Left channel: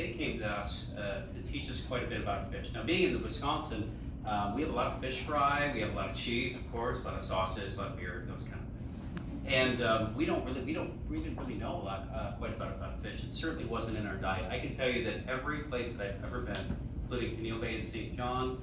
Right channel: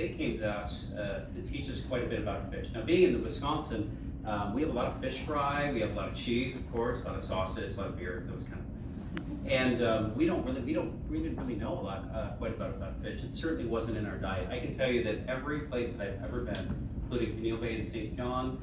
they came to us to teach us quite a bit about fish. Now, being in the Wisconsin, we have a lot of fish fry, we have a lot of cheese, of course, a lot of sausage, a lot of beer, those kind of things. And we didn't really know a lot, quite about fish. It certainly wasn't in our diet. I can tell you that every place that I've ever been, including Peniel Bay and St. John,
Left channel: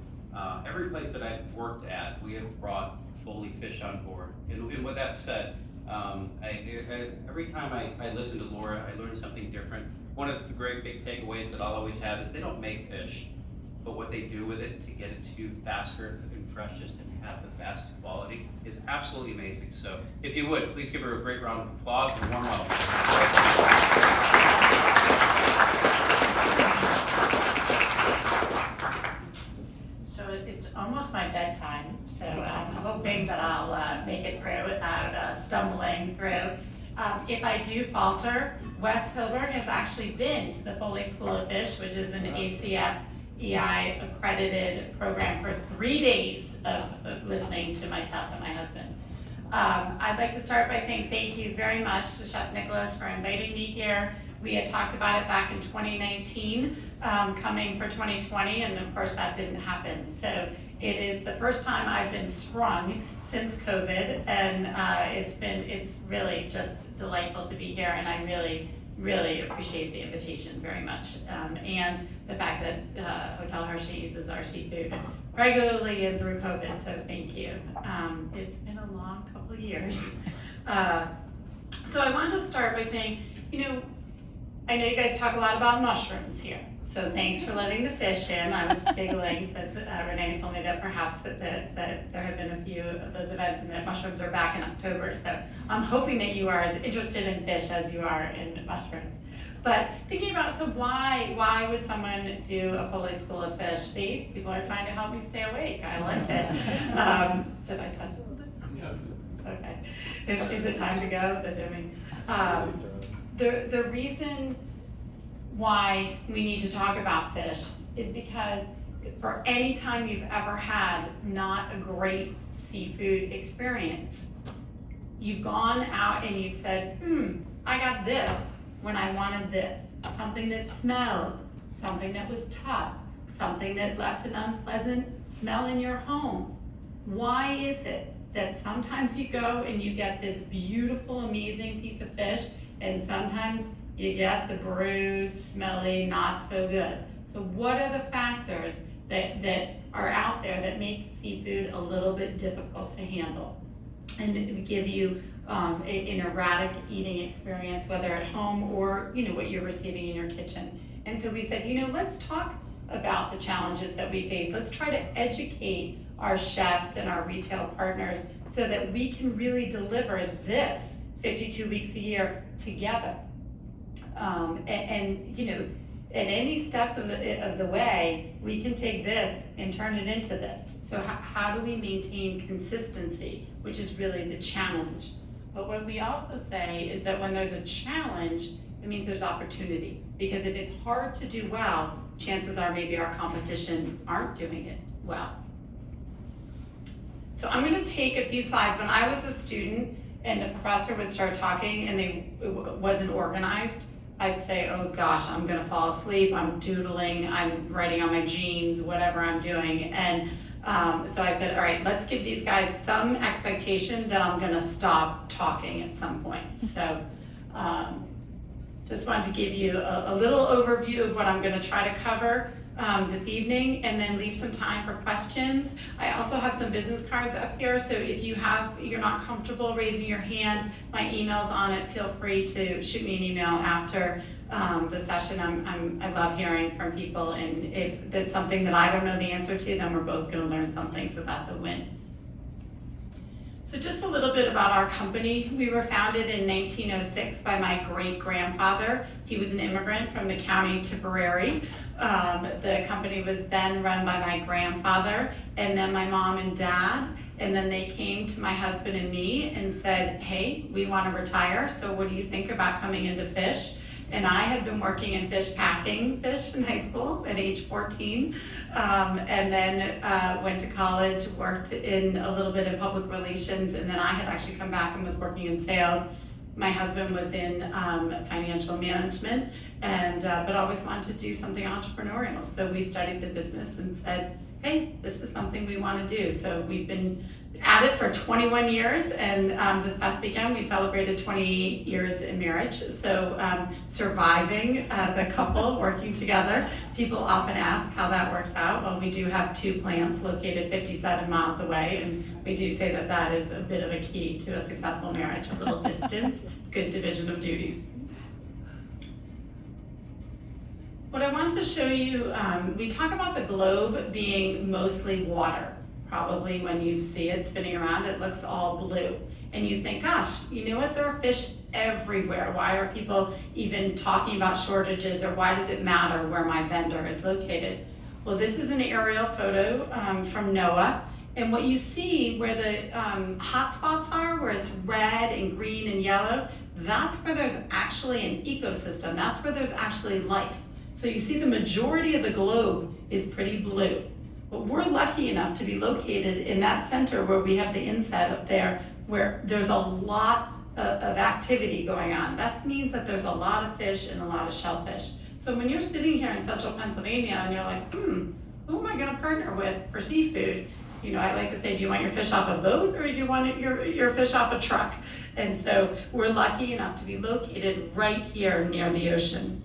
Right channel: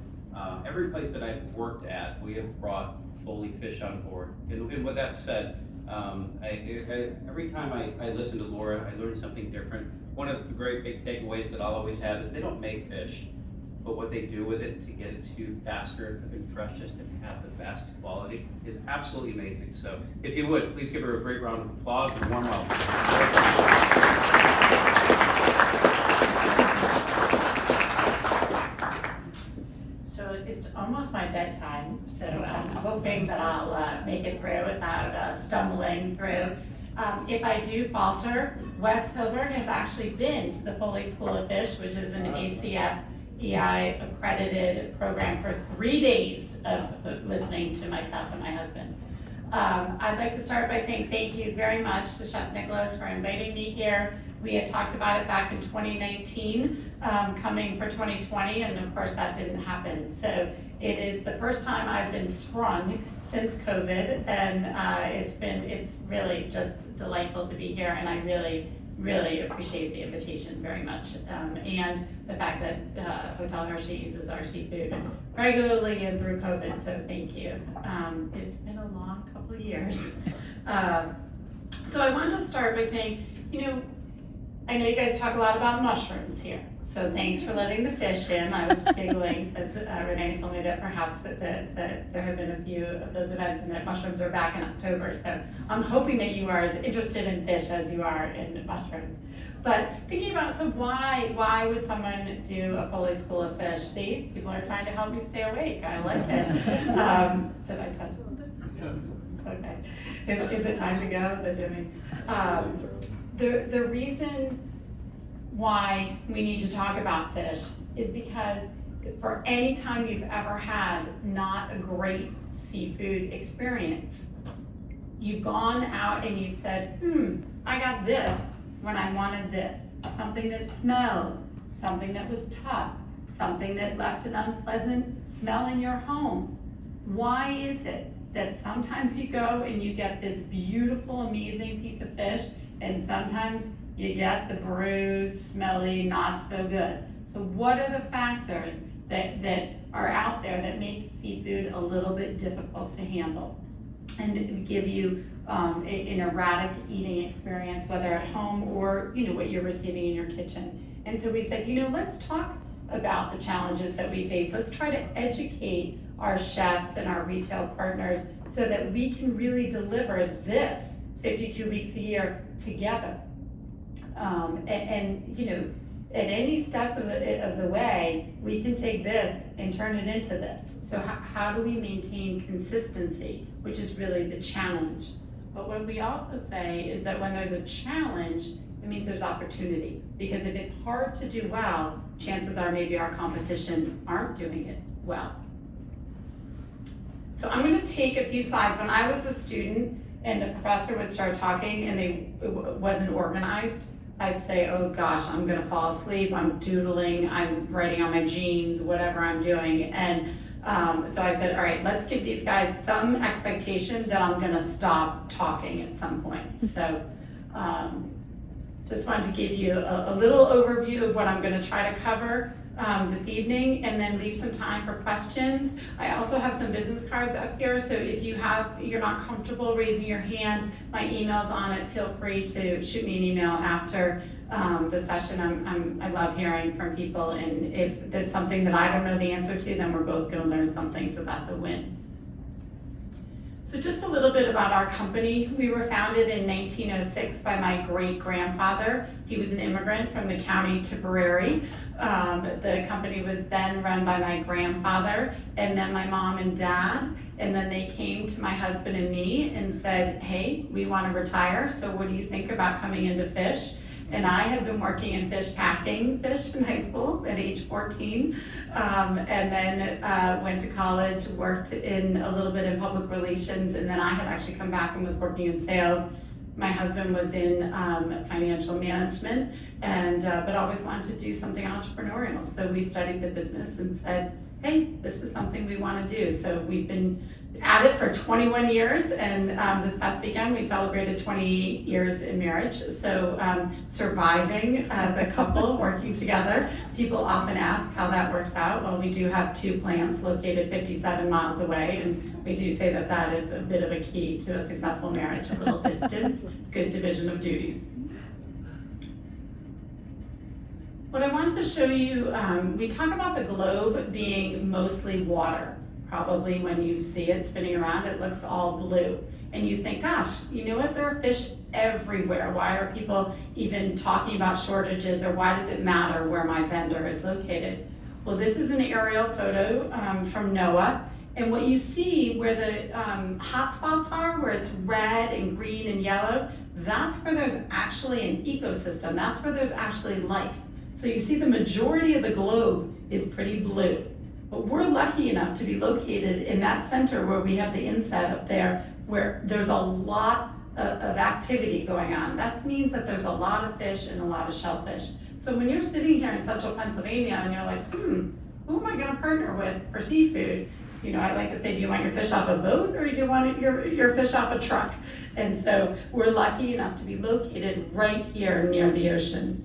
every place that I've worked at, we have brought Foley fish on board. And with that said, every time I listen to Laura, I learn something different. One of the great big takeaways that I'll always have is they don't make fish, but what they do with it to get it to you faster and freshest and have the best quality is absolutely amazing. So if you would, please give her a great round of applause and warm welcome. So it's almost my bedtime, so I'm hoping that I'll make it through without stumbling through. If I do falter, Wes Hilburn has actually been to the Foley School of Fish, which is an ACF EI accredited program for 3 days of listening to myself and my husband. I'd like to start by saying thank you very much to Chef Nicholas for inviting me here. We had talked about it back in 2019, coming for 2020, and of course that didn't happen. So it is the first time I've been sprung since COVID, and it's really just delightful to be here, and I really appreciate the invitation very much, and the fact that Hotel Hershey uses our seafood regularly and through COVID, so thank you. It's been a long couple of years. So I wanted to start by saying, I know you guys talk a lot about mushrooms here, so thanks for letting the fish in. I was giggling because Renee told me that perhaps that there had been a few of those events and that mushrooms are back in October, so I'm hoping that you are as interested in fish as you are in mushrooms. But thinking about, so why would someone do a Foley School of Fish? See, people are trying to help me stay awake. I like it. Did I touch something? Yes. Okay. Is it time to go? The reason why we need to talk about fish is because for any time you've ever had not a great seafood experience, you've gone out and you've said, I got this when I wanted this. Something that smelled, something that was tough, something that left an unpleasant smell in your home. Why is it that sometimes you go and you get this beautiful, amazing piece of fish, and sometimes you get the bruised, smelly, not so good? So what are the factors that are out there that make seafood a little bit difficult to handle and give you an erratic eating experience, whether at home or what you're receiving in your kitchen? And so we said, let's talk about the challenges that we face. Let's try to educate our chefs and our retail partners so that we can really deliver this 52 weeks a year together. At any step of the way, we can take this and turn it into this. So how do we maintain consistency, which is really the challenge? But what we also say is that when there's a challenge, it means there's opportunity. Because if it's hard to do well, chances are maybe our competition aren't doing it well. So I'm going to take a few slides. When I was a student and the professor would start talking and it wasn't organized, I'd say, oh gosh, I'm gonna fall asleep, I'm doodling, I'm writing on my jeans, whatever I'm doing. And so I said, all right, let's give these guys some expectation that I'm gonna stop talking at some point. So just wanted to give you a little overview of what I'm gonna try to cover this evening, and then leave some time for questions. I also have some business cards up here, so if you're not comfortable raising your hand, my email's on it. Feel free to shoot me an email after the session. I love hearing from people, and if there's something that I don't know the answer to, then we're both gonna learn something, so that's a win. So just a little bit about our company. We were founded in 1906 by my great-grandfather. He was an immigrant from the county Tipperary. The company was then run by my grandfather, and then my mom and dad, and then they came to my husband and me and said, hey, we want to retire, so what do you think about coming into fish? And I had been working in fish, packing fish in high school at age 14, and then went to college, worked in a little bit in public relations, and then I had actually come back and was working in sales My husband was in financial management, and but always wanted to do something entrepreneurial. So we studied the business and said, hey, this is something we want to do. So we've been at it for 21 years, and this past weekend we celebrated 20 years in marriage. So surviving as a couple, working together. People often ask how that works out. Well, we do have 2 plants located 57 miles away, and we do say that that is a bit of a key to a successful marriage, a little distance, good division of duties. What I wanted to show you, we talk about the globe being mostly water. Probably when you see it spinning around, it looks all blue. And you think, gosh, you know what, there are fish everywhere. Why are people even talking about shortages, or why does it matter where my vendor is located? Well, this is an aerial photo from NOAA. And what you see where the hot spots are, where it's red and green and yellow, that's where there's actually an ecosystem. That's where there's actually life. So you see the majority of the globe is pretty blue. But we're lucky enough to be located in that center where we have the inset up there, where there's a lot of activity going on. That means that there's a lot of fish and a lot of shellfish. So when you're sitting here in central Pennsylvania and you're like, who am I gonna partner with for seafood? You know, I like to say, do you want your fish off a boat, or do you want your fish off a truck? And so we're lucky enough to be located right here near the ocean.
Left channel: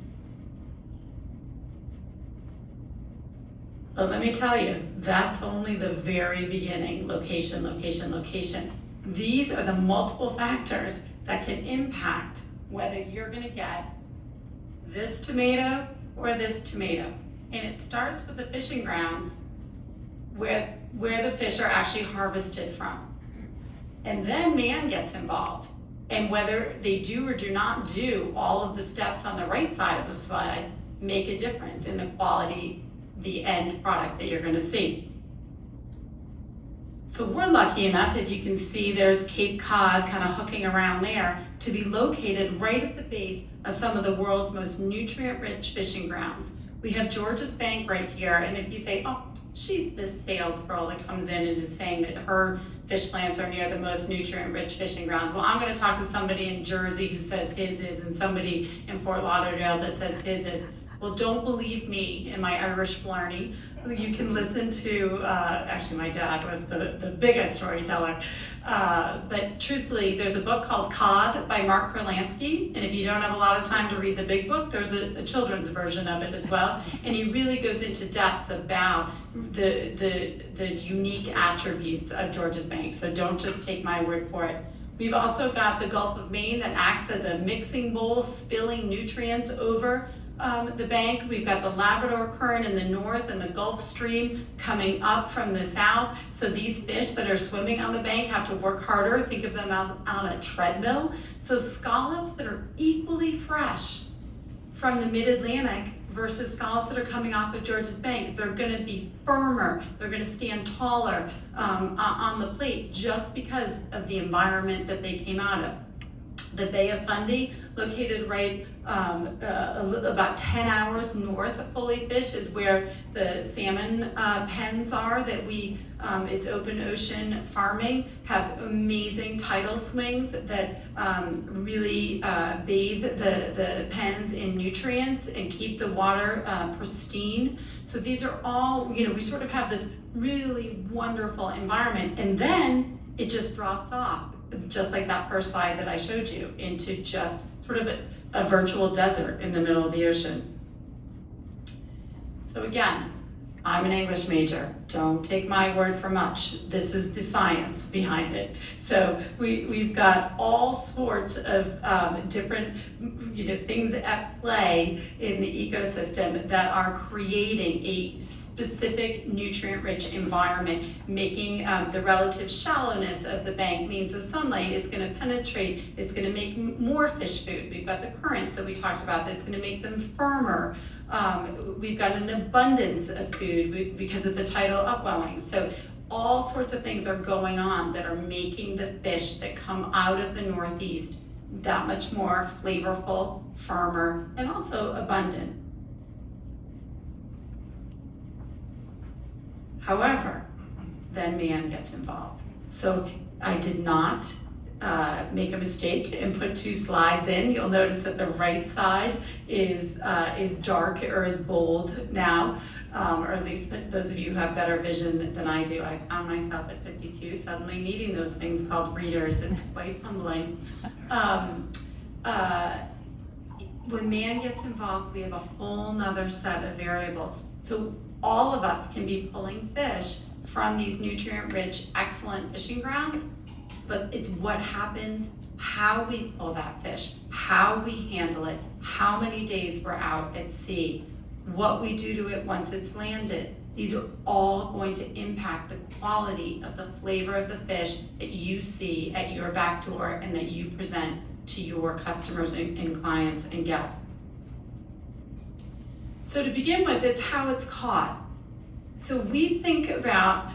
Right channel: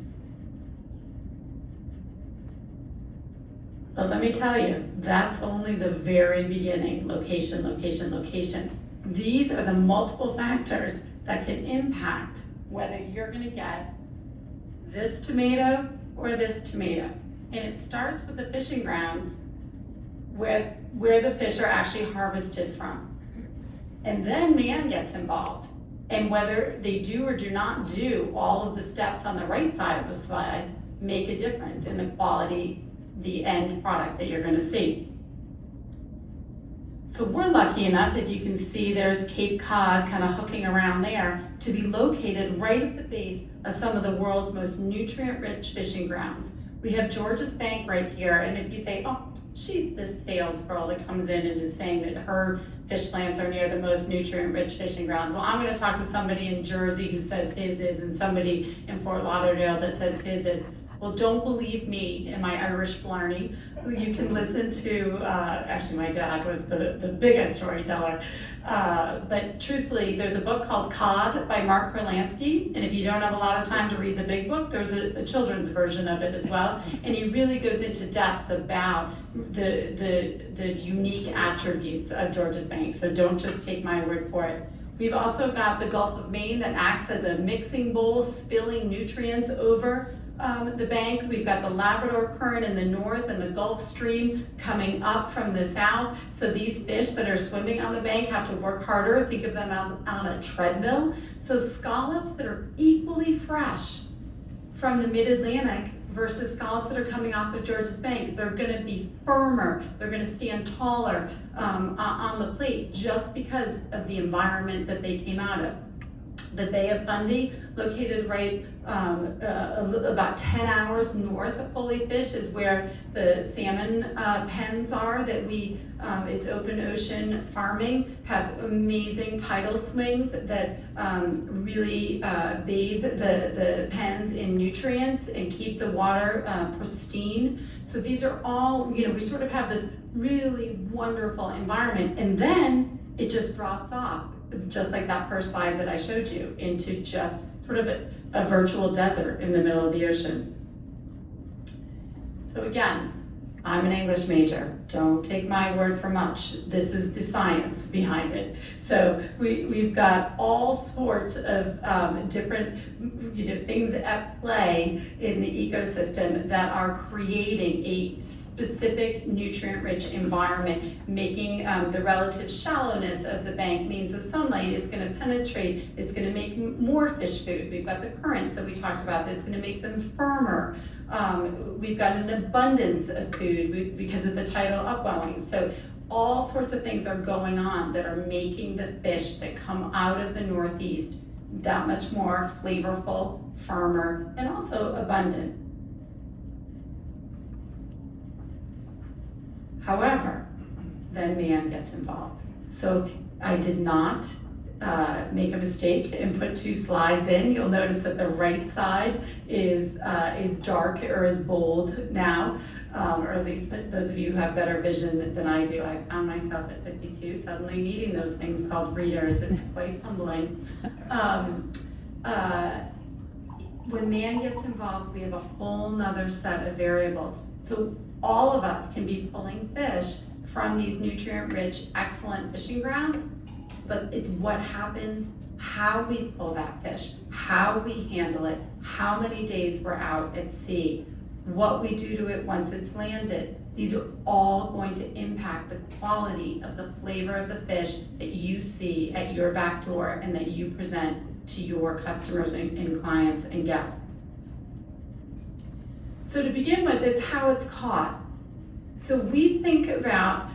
But let me tell you, that's only the very beginning. Location, location, location. These are the multiple factors that can impact whether you're gonna get this tomato or this tomato. And it starts with the fishing grounds where the fish are actually harvested from. And then man gets involved. And whether they do or do not do all of the steps on the right side of the slide make a difference in the quality, the end product that you're gonna see. So we're lucky enough, if you can see, there's Cape Cod kind of hooking around there, to be located right at the base of some of the world's most nutrient-rich fishing grounds. We have Georges Bank right here, and if you say, oh, she's this sales girl that comes in and is saying that her fish plants are near the most nutrient-rich fishing grounds. Well, I'm gonna talk to somebody in Jersey who says his is, and somebody in Fort Lauderdale that says his is. Well, don't believe me and my Irish blarney. You can listen to, actually my dad was the biggest storyteller. But truthfully, there's a book called Cod by Mark Kurlansky. And if you don't have a lot of time to read the big book, there's a children's version of it as well. And he really goes into depth about the unique attributes of Georges Bank. So don't just take my word for it. We've also got the Gulf of Maine that acts as a mixing bowl, spilling nutrients over the bank. We've got the Labrador Current in the north and the Gulf Stream coming up from the south. So these fish that are swimming on the bank have to work harder. Think of them as on a treadmill. So scallops that are equally fresh from the mid-Atlantic versus scallops that are coming off of Georges Bank, they're gonna be firmer, they're gonna stand taller on the plate just because of the environment that they came out of. The Bay of Fundy, located right about 10 hours north of Foley Fish, is where the salmon pens are that it's open ocean farming, have amazing tidal swings that really bathe the pens in nutrients and keep the water pristine. So these are all, we sort of have this really wonderful environment, and then it just drops off, just like that first slide that I showed you, into just sort of a virtual desert in the middle of the ocean. So again, I'm an English major. Don't take my word for much. This is the science behind it. So we've got all sorts of different things at play in the ecosystem that are creating a specific nutrient-rich environment, making the relative shallowness of the bank means the sunlight is going to penetrate, it's going to make more fish food. We've got the currents that we talked about that's going to make them firmer. We've got an abundance of food because of the tidal upwellings. So all sorts of things are going on that are making the fish that come out of the Northeast that much more flavorful, firmer, and also abundant. However, then man gets involved. So I did not make a mistake and put 2 slides in, you'll notice that the right side is dark or is bold now, or at least those of you who have better vision than I do. I found myself at 52 suddenly needing those things called readers. It's quite humbling. When man gets involved, we have a whole nother set of variables. So all of us can be pulling fish from these nutrient-rich, excellent fishing grounds, but it's what happens, how we pull that fish, how we handle it, how many days we're out at sea, what we do to it once it's landed. These are all going to impact the quality of the flavor of the fish that you see at your back door and that you present to your customers and clients and guests. So to begin with, it's how it's caught. So we think about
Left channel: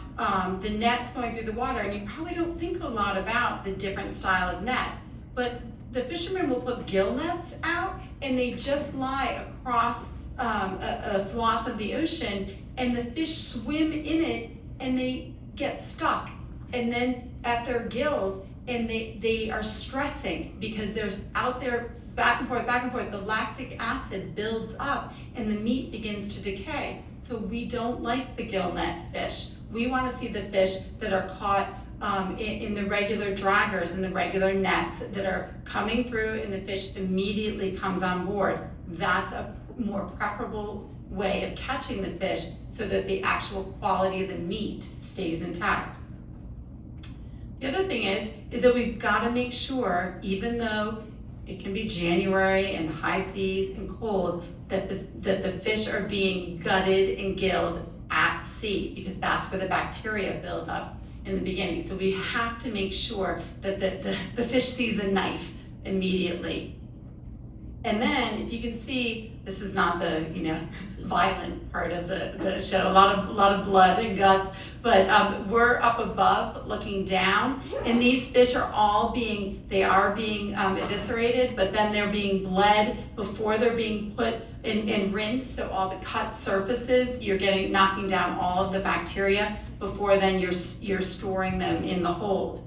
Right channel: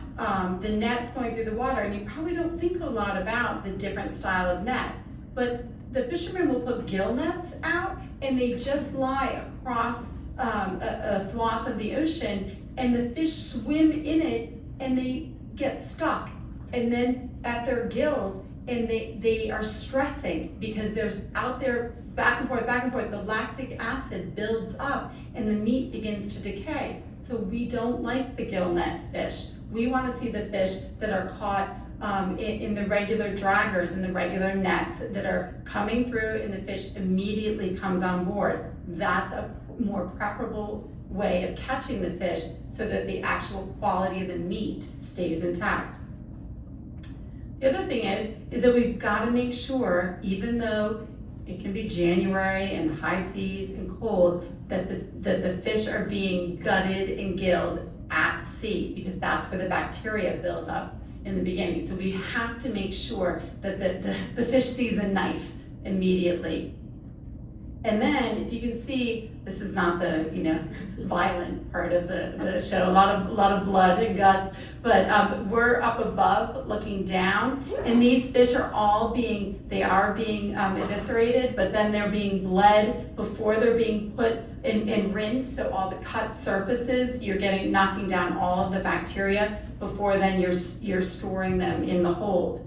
the nets going through the water, and you probably don't think a lot about the different style of net, but the fishermen will put gill nets out and they just lie across a swath of the ocean, and the fish swim in it and they get stuck, and then at their gills, and they are stressing because there's out there back and forth, the lactic acid builds up and the meat begins to decay. So we don't like the gill net fish. We want to see the fish that are caught in the regular draggers and the regular nets that are coming through and the fish immediately comes on board. That's a more preferable way of catching the fish so that the actual quality of the meat stays intact. The other thing is that we've got to make sure, even though it can be January and high seas and cold, that the fish are being gutted and gilled at sea, because that's where the bacteria build up in the beginning. So we have to make sure that the fish sees a knife immediately. And then, if you can see, this is not the violent part of the show. A lot of blood and guts, but we're up above looking down, and these fish are all being eviscerated, but then they're being bled before they're being put and rinsed. So all the cut surfaces, you're knocking down all of the bacteria before then you're storing them in the hold.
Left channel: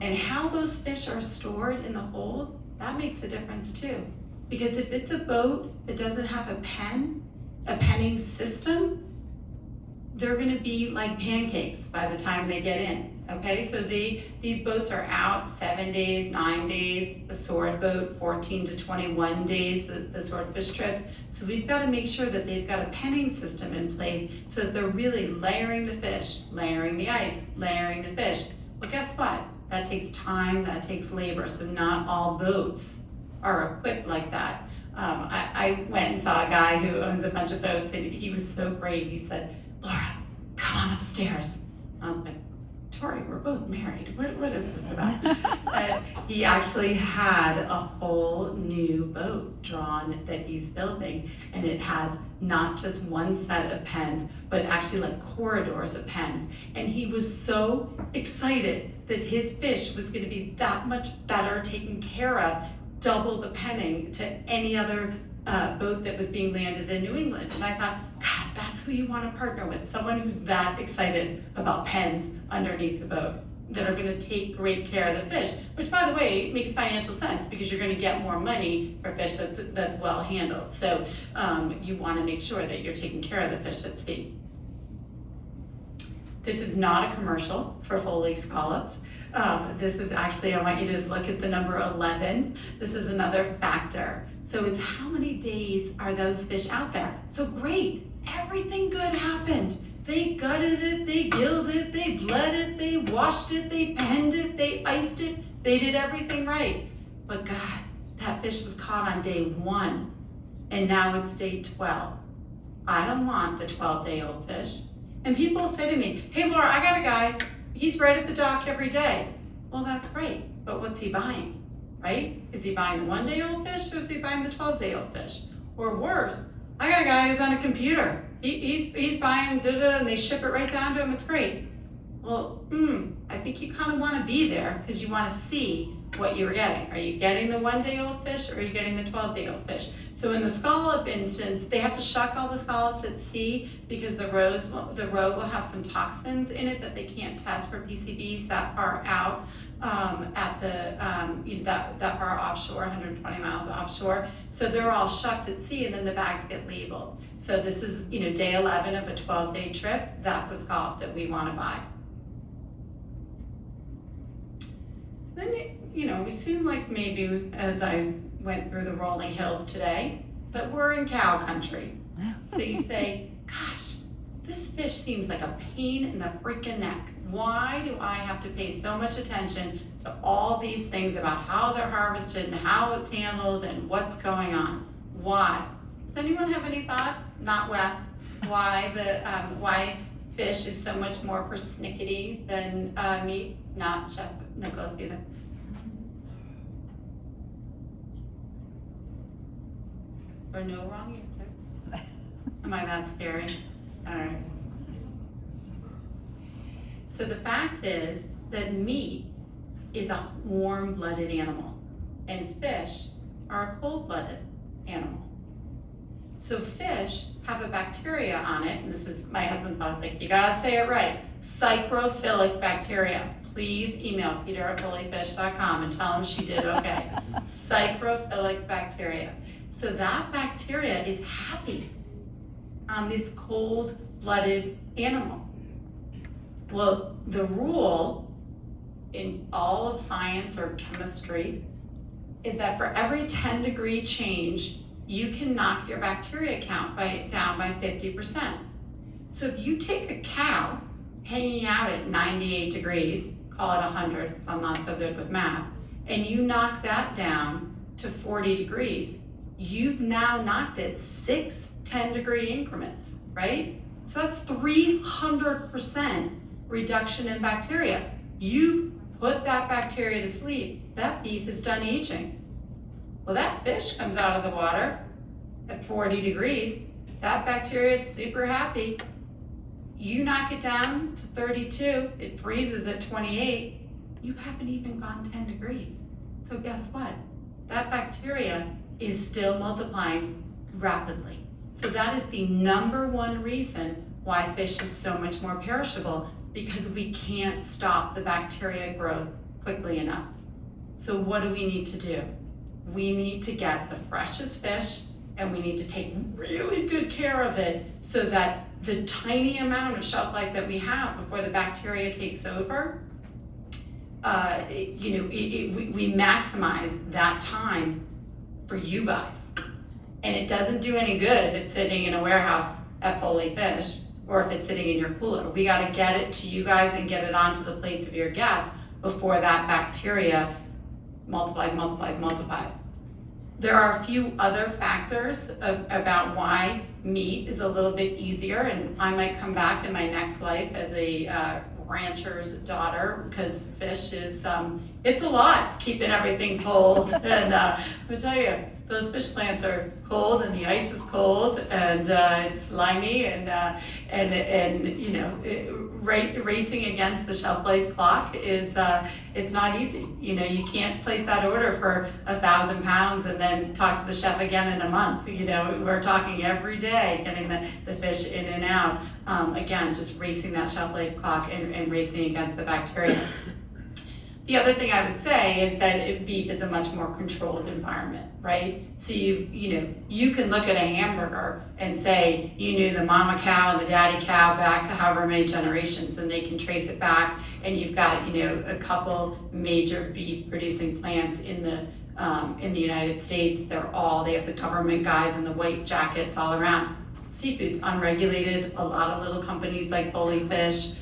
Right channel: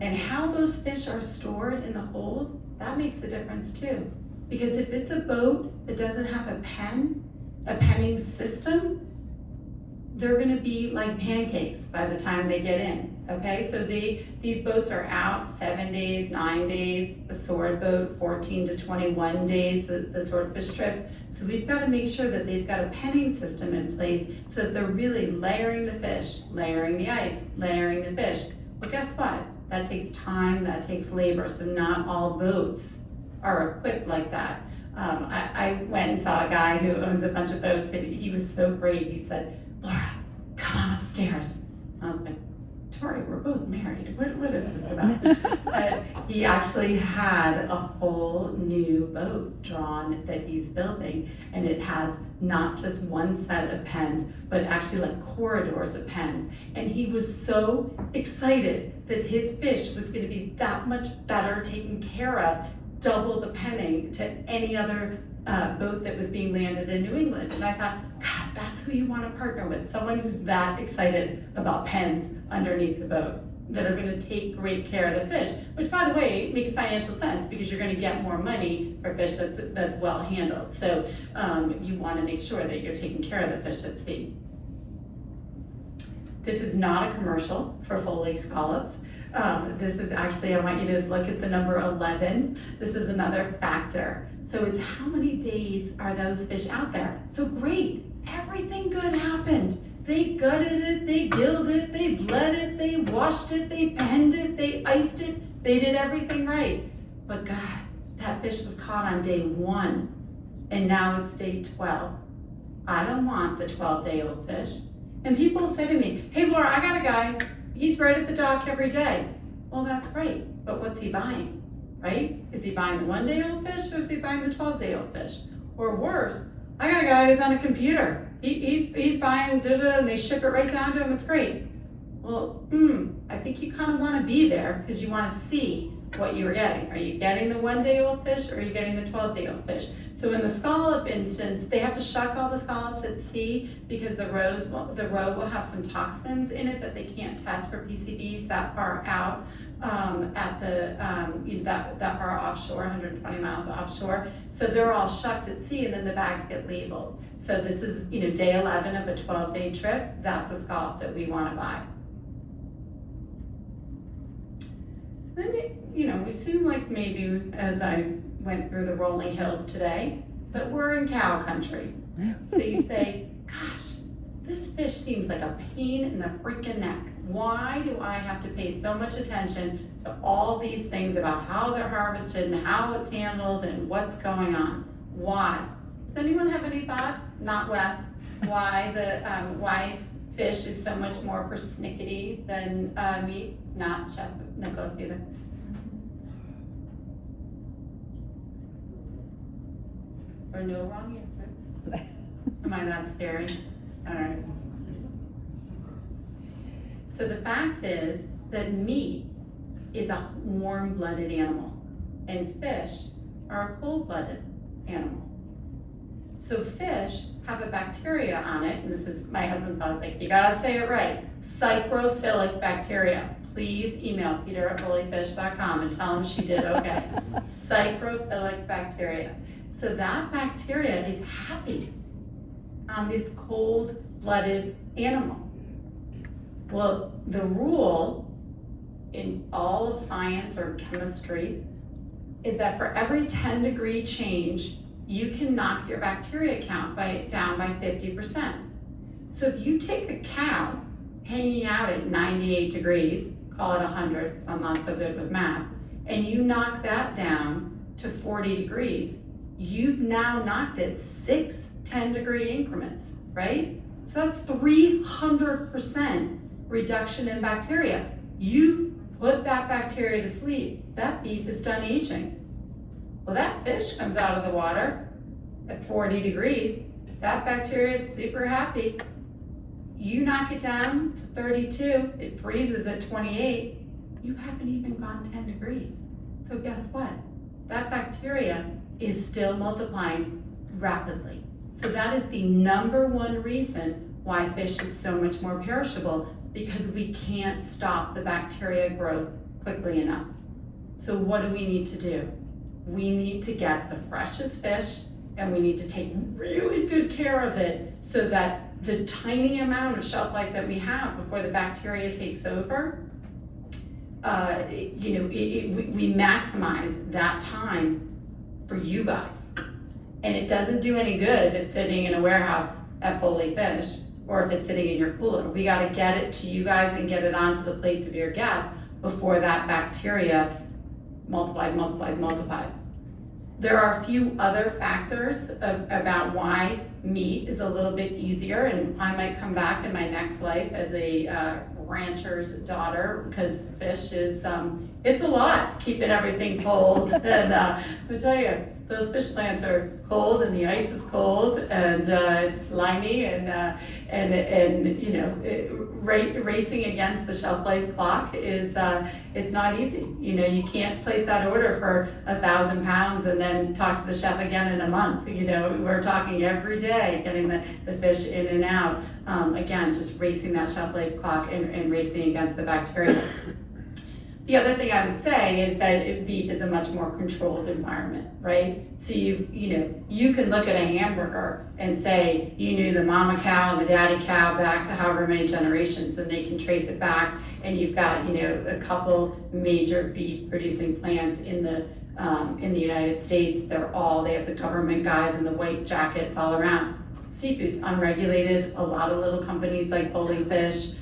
And how those fish are stored in the hold, that makes a difference too. Because if it's a boat that doesn't have a penning system, they're gonna be like pancakes by the time they get in, okay? So these boats are out 7 days, 9 days, the sword boat, 14 to 21 days, the swordfish trips. So we've gotta make sure that they've got a penning system in place so that they're really layering the fish, layering the ice, layering the fish. Well, guess what? That takes time, that takes labor, so not all boats are equipped like that. I went and saw a guy who owns a bunch of boats, and he was so great. He said, "Laura, come on upstairs." I was like, "Tori, we're both married. What is this about?" He actually had a whole new boat drawn that he's building, and it has not just one set of pens, but actually like corridors of pens. And he was so excited that his fish was going to be that much better taken care of, double the penning to any other boat that was being landed in New England. And I thought, God, that's who you want to partner with, someone who's that excited about pens underneath the boat, that are going to take great care of the fish, which, by the way, makes financial sense because you're going to get more money for fish that's well handled. So you want to make sure that you're taking care of the fish at sea. This is not a commercial for Foley scallops. This is actually, I want you to look at the number 11. This is another factor. So it's how many days are those fish out there? So great, everything good happened. They gutted it, they gilled it, they bled it, they washed it, they penned it, they iced it, they did everything right. But God, that fish was caught on day 1, and now it's day 12. I don't want the 12-day-old fish. And people say to me, "Hey Laura, I got a guy, he's right at the dock every day." Well, that's great, but what's he buying, right? Is he buying the 1-day-old fish, or is he buying the 12-day-old fish? Or worse, I got a guy who's on a computer. He's buying da-da, and they ship it right down to him, it's great. Well, I think you kind of want to be there because you want to see what you're getting. Are you getting the 1-day-old fish, or are you getting the 12-day-old fish? So So in the scallop instance, they have to shuck all the scallops at sea because the roe will have some toxins in it that they can't test for PCBs that far out that far offshore, 120 miles offshore. So they're all shucked at sea, and then the bags get labeled. So this is day 11 of a 12-day trip. That's a scallop that we want to buy. Then we seem like maybe as I went through the rolling hills today, that we're in cow country. So you say, gosh, this fish seems like a pain in the freaking neck. Why do I have to pay so much attention to all these things about how they're harvested and how it's handled and what's going on? Why? Does anyone have any thought? Not Wes. Why fish is so much more persnickety than meat? Not Chef Nicholas either. Or no wrong answers? Am I that scary? All right. So the fact is that meat is a warm-blooded animal, and fish are a cold-blooded animal. So fish have a bacteria on it, and this is, my husband's always like, you gotta say it right, Psychophyllic Bacteria. Please email peter@foleyfish.com and tell him she did okay. Psychophyllic Bacteria. So that bacteria is happy on this cold-blooded animal. Well, the rule in all of science or chemistry is that for every 10-degree change, you can knock your bacteria count down by 50%. So if you take a cow hanging out at 98 degrees, call it 100 because I'm not so good with math, and you knock that down to 40 degrees, you've now knocked it 6 10-degree increments, right? So that's 300% reduction in bacteria. You've put that bacteria to sleep. That beef is done aging. Well, that fish comes out of the water at 40 degrees. That bacteria is super happy. You knock it down to 32, it freezes at 28. You haven't even gone 10 degrees. So guess what? That bacteria is still multiplying rapidly. So that is the #1 reason why fish is so much more perishable, because we can't stop the bacteria growth quickly enough. So what do we need to do? We need to get the freshest fish, and we need to take really good care of it so that the tiny amount of shelf life that we have before the bacteria takes over, we maximize that time for you guys. And it doesn't do any good if it's sitting in a warehouse at Foley Fish or if it's sitting in your cooler. We gotta get it to you guys and get it onto the plates of your guests before that bacteria multiplies. There are a few other factors about why meat is a little bit easier, and I might come back in my next life as a rancher's daughter, because fish is, it's a lot keeping everything cold. And let me tell you, those fish plants are cold, and the ice is cold, and it's slimy, racing against the shelf life clock is it's not easy. You can't place that order for 1,000 pounds and then talk to the chef again in a month. We're talking every day, getting the fish in and out. Again, just racing that shelf life clock and racing against the bacteria. The other thing I would say is that beef is a much more controlled environment, right? So you can look at a hamburger and say you knew the mama cow and the daddy cow back however many generations, and they can trace it back. And you've got a couple major beef producing plants in the United States. They have the government guys in the white jackets all around. Seafood's unregulated. A lot of little companies like Foley Fish.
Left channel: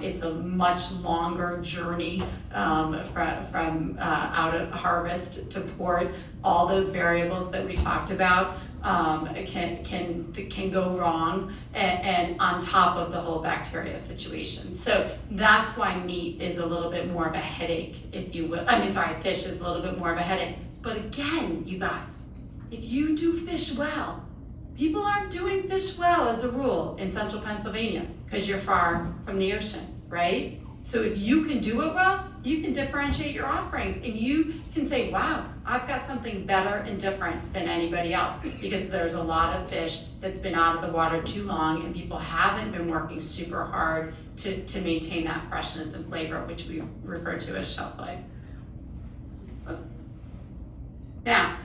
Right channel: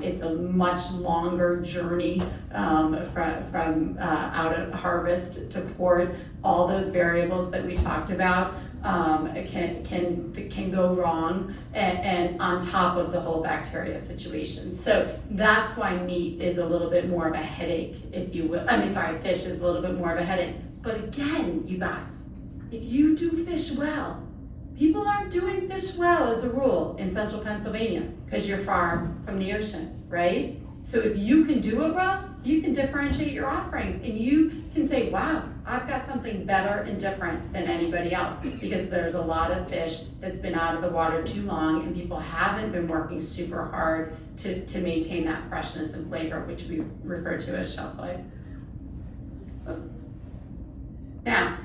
It's a much longer journey from out of harvest to port. All those variables that we talked about can go wrong, and on top of the whole bacteria situation. So that's why meat is a little bit more of a headache, if you will. Fish is a little bit more of a headache. But again, you guys, if you do fish well, people aren't doing fish well as a rule in central Pennsylvania because you're far from the ocean, right? So if you can do it well, you can differentiate your offerings, and you can say, wow, I've got something better and different than anybody else, because there's a lot of fish that's been out of the water too long, and people haven't been working super hard to maintain that freshness and flavor, which we refer to as shelf life. Oops. Now,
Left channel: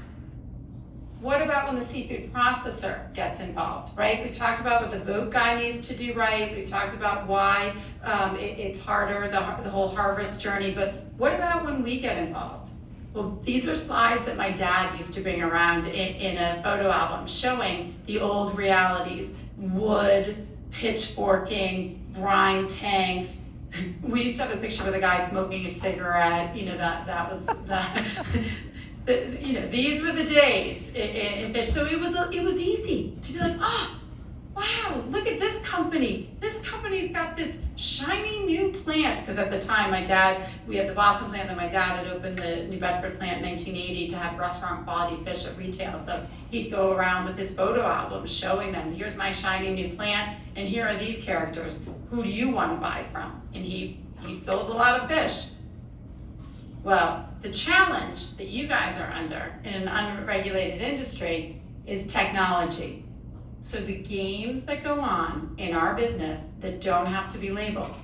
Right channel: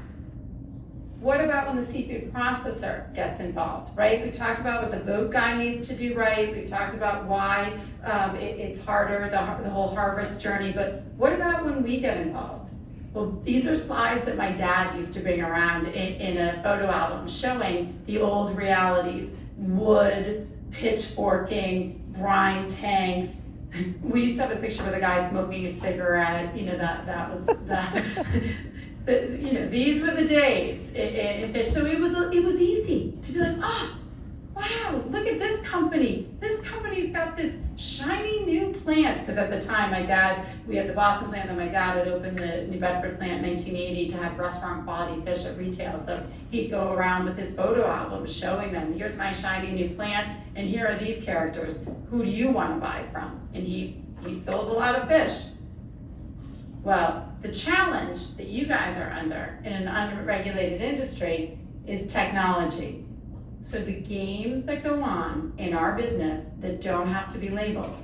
what about when the seafood processor gets involved, right? We talked about what the boat guy needs to do right. We talked about why it's harder, the whole harvest journey, but what about when we get involved? Well, these are slides that my dad used to bring around in a photo album showing the old realities: wood, pitchforking, brine tanks. We used to have a picture with a guy smoking a cigarette. You know, that was you know, these were the days in fish. So it was easy to be like, oh, wow, look at this company. This company's got this shiny new plant. Because at the time, we had the Boston plant, and my dad had opened the New Bedford plant in 1980 to have restaurant quality fish at retail. So he'd go around with this photo album showing them, here's my shiny new plant, and here are these characters. Who do you want to buy from? And he sold a lot of fish. Well, the challenge that you guys are under in an unregulated industry is technology. So the games that go on in our business that don't have to be labeled.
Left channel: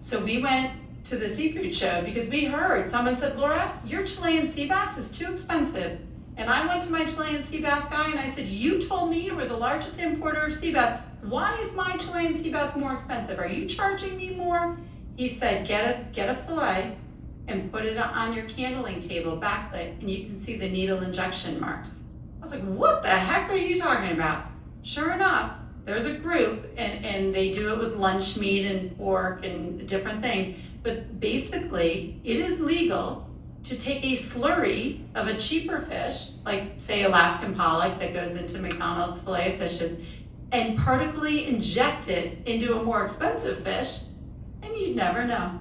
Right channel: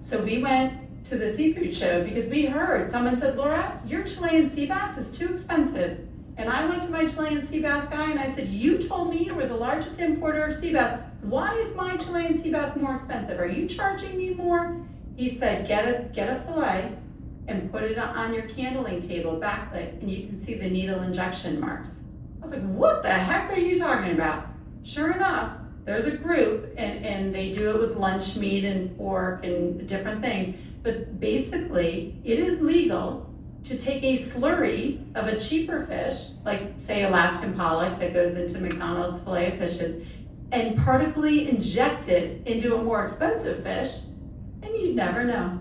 So we went to the seafood show because we heard someone said, Laura, your Chilean sea bass is too expensive. And I went to my Chilean sea bass guy and I said, you told me you were the largest importer of sea bass. Why is my Chilean sea bass more expensive? Are you charging me more? He said, get a fillet and put it on your candling table backlit, and you can see the needle injection marks. I was like, what the heck are you talking about? Sure enough, there's a group, and they do it with lunch meat and pork and different things, but basically, it is legal to take a slurry of a cheaper fish, like say Alaskan pollock that goes into McDonald's filet of fishes, and partically inject it into a more expensive fish, and you'd never know.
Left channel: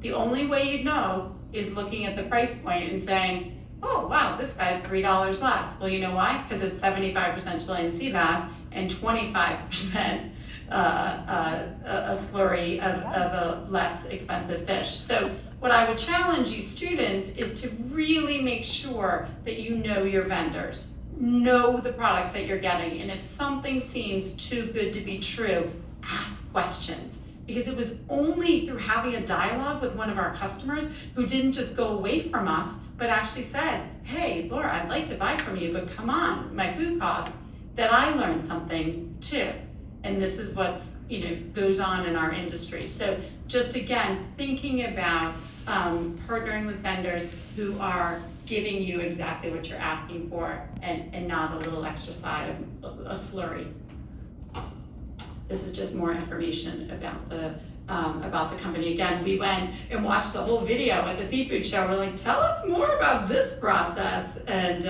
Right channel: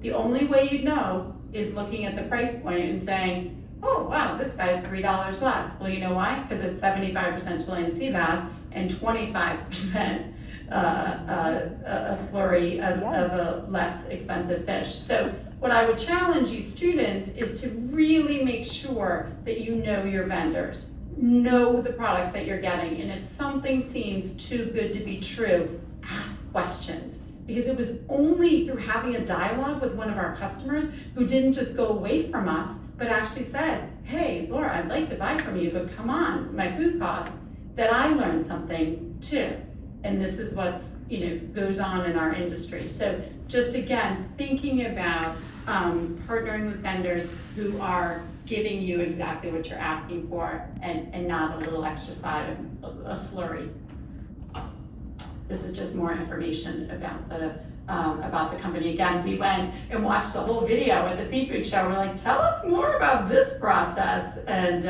The only way you'd know is looking at the price point and saying, oh wow, this guy's $3 less. Well, you know why? Because it's 75% Chilean sea bass and 25% a slurry of a less expensive fish. So what I would challenge you students is to really make sure that you know your vendors, know the products that you're getting, and if something seems too good to be true, ask questions. Because it was only through having a dialogue with one of our customers who didn't just go away from us, but actually said, hey, Laura, I'd like to buy from you, but come on, my food costs, that I learned something too. And this is what's, goes on in our industry. So just again, thinking about partnering with vendors who are giving you exactly what you're asking for and not a little extra side of a slurry. This is just more information about the company. Again, we went and watched the whole video at the seafood show. We're like, tell us more about this process. And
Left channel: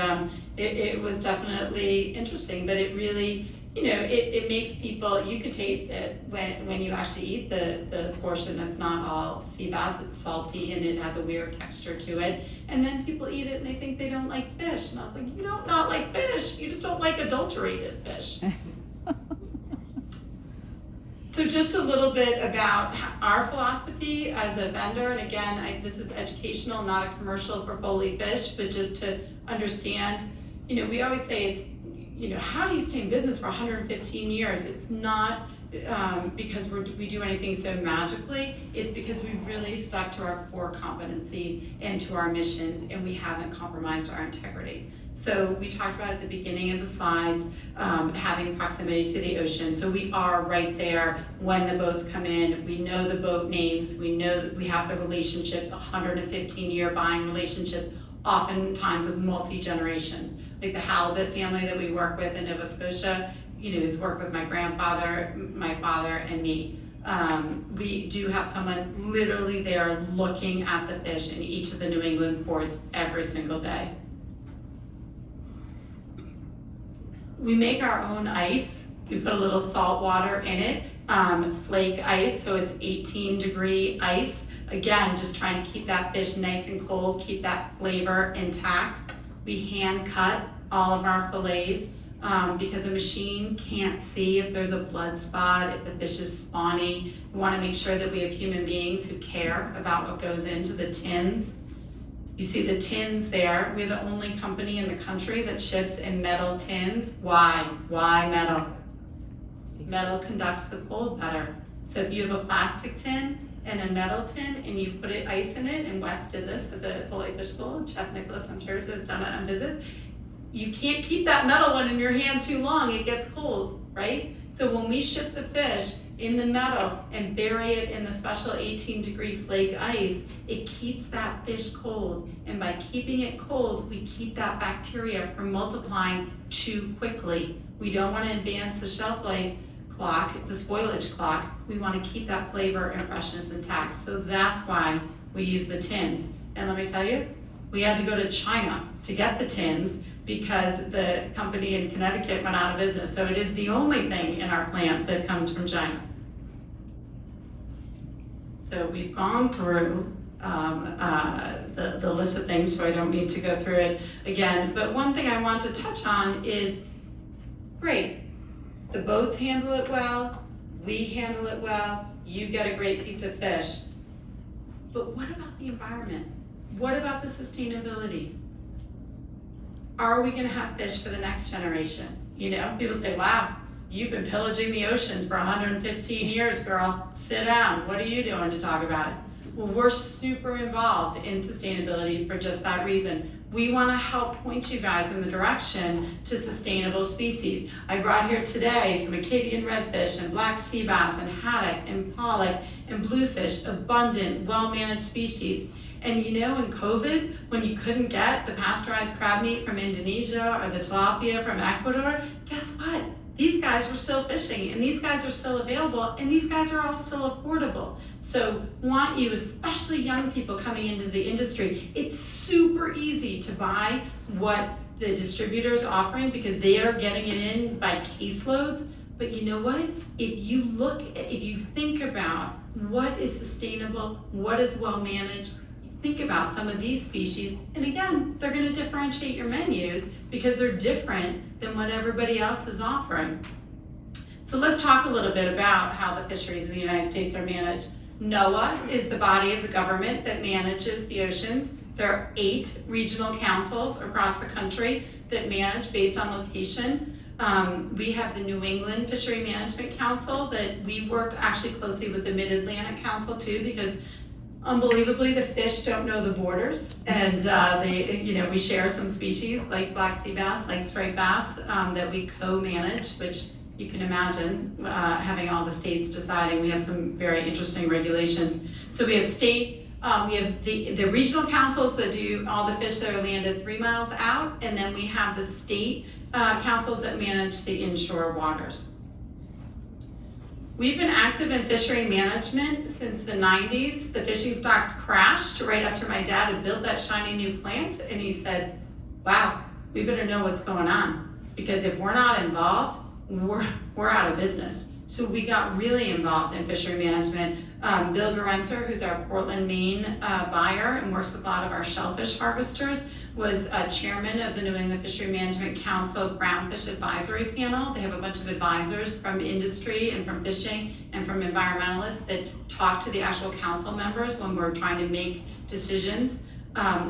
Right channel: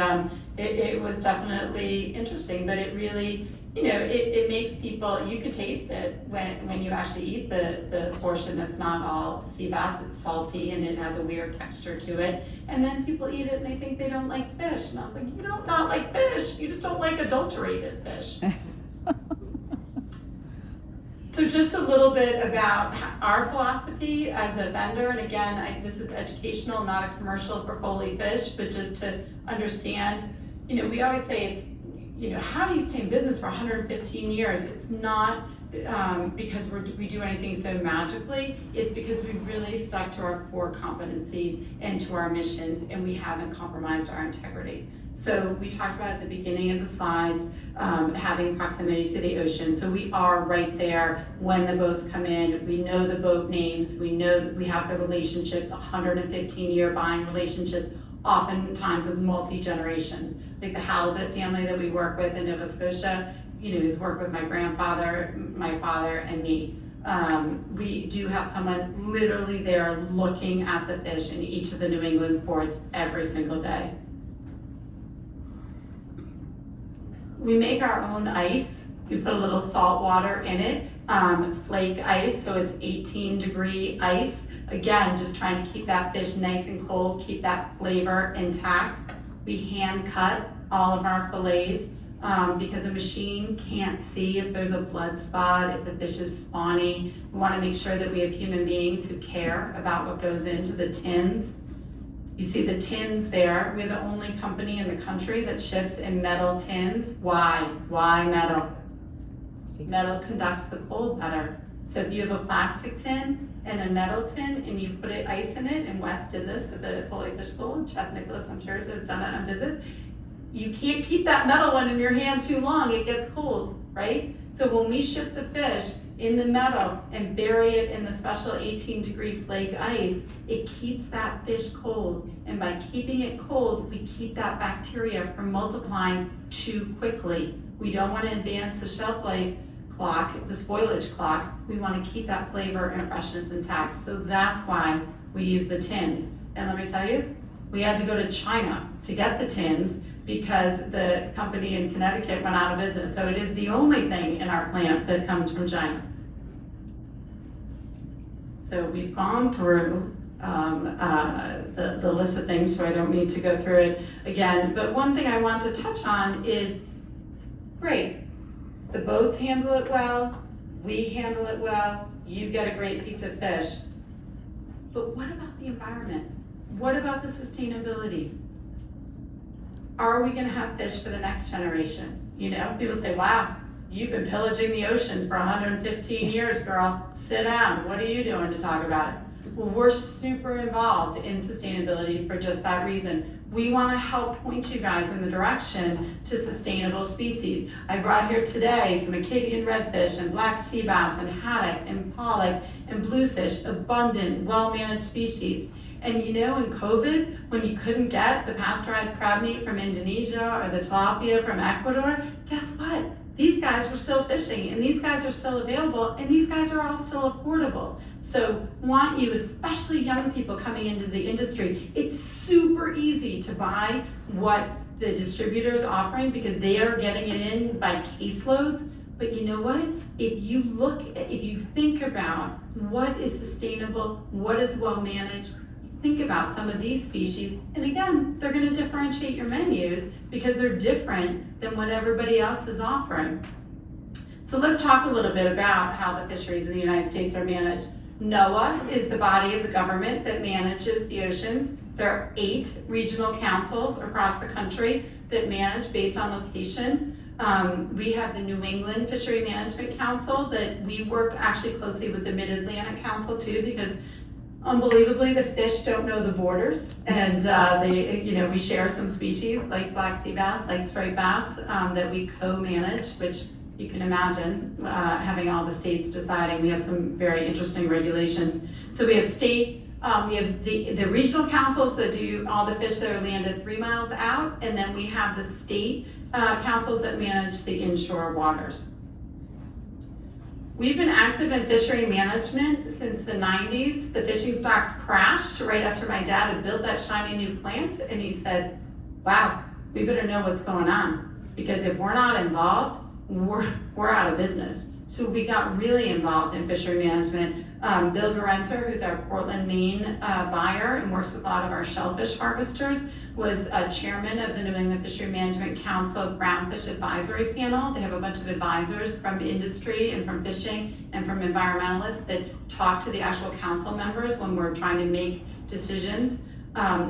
it was definitely interesting, but it really, it makes people, you could taste it when you actually eat the portion that's not all sea bass. It's salty and it has a weird texture to it. And then people eat it and they think they don't like fish. And I was like, you don't not like fish, you just don't like adulterated fish. So just a little bit about our philosophy as a vendor, and again, this is educational, not a commercial for Foley Fish, but just to understand, we always say it's, how do you stay in business for 115 years? It's not because we do anything so magically, it's because we've really stuck to our core competencies and to our missions, and we haven't compromised our integrity. So we talked about at the beginning of the slides, having proximity to the ocean. So we are right there when the boats come in. We know the boat names. We know that we have the relationships, 115-year buying relationships, oftentimes with multi-generations. Like the halibut family that we work with in Nova Scotia, has worked with my grandfather, my father, and me. We do have someone literally there looking at the fish in each of the New England ports every single day. We make our own ice. We put a little salt water in it, flake ice, so it's 18-degree ice. Again, just trying to keep that fish nice and cold, keep that flavor intact. We hand cut all of our fillets because a machine can't see if there's a blood spot, if the fish is spawning. We want to make sure that we have human beings who care about what goes into the tins. You see the tins there. We're the only company in the country that ships in metal tins. Why? Why metal? Metal conducts the cold better. So if you have a plastic tin and a metal tin and you put ice in it, and Wes did this at the Foley Fish School, Chef Nicholas, I'm sure, has done it on visits, you can't keep that metal one in your hand too long, it gets cold, right? So when we ship the fish in the metal and bury it in the special 18-degree flake ice, it keeps that fish cold. And by keeping it cold, we keep that bacteria from multiplying too quickly. We don't want to advance the shelf life clock, the spoilage clock. We want to keep that flavor and freshness intact. So that's why we use the tins. And let me tell you, we had to go to China to get the tins because the company in Connecticut went out of business. So it is the only thing in our plant that comes from China. So we've gone through the list of things, so I don't need to go through it again. But one thing I want to touch on is, great, the boats handle it well, we handle it well, you get a great piece of fish. But what about the environment? What about the sustainability? Are we gonna have fish for the next generation? You know, people say, wow, you've been pillaging the oceans for 115 years, girl. Sit down, what are you doing to talk about it? Well, we're super involved in sustainability for just that reason. We wanna help point you guys in the direction to sustainable species. I brought here today some Acadian redfish and black sea bass and haddock and pollock and bluefish, abundant, well-managed species. And you know, in COVID, when you couldn't get the pasteurized crab meat from Indonesia or the tilapia from Ecuador, guess what? These guys were still fishing, and these guys are still available, and these guys are all still affordable. So want you, especially young people coming into the industry, it's super easy to buy what the distributor's offering because they are getting it in by caseloads. But you know what? If you think about what is sustainable, what is well managed, think about some of these species, and again, they're gonna differentiate your menus because they're different than what everybody else is offering. So let's talk a little bit about how the fisheries in the United States are managed. NOAA is the body of the government that manages the oceans. There are 8 regional councils across the country that manage based on location. We have the New England Fishery Management Council that we work actually closely with the Mid-Atlantic Council too, because unbelievably, the fish don't know the borders, and we share some species like black sea bass, like striped bass, that we co-manage, which you can imagine having all the states deciding. We have some very interesting regulations. So we have we have the regional councils that do all the fish that are landed 3 miles out, and then we have the state councils that manage the inshore waters. We've been active in fishery management since the 90s. The fishing stocks crashed right after my dad had built that shiny new plant, and he said, wow, we better know what's going on, because if we're not involved, we're out of business. So we got really involved in fishery management. Bill Gorenzer, who's our Portland, Maine buyer and works with a lot of our shellfish harvesters, was chairman of the New England Fishery Management Council Groundfish Advisory Panel. They have a bunch of advisors from industry and from fishing and from environmentalists that talk to the actual council members when we're trying to make decisions.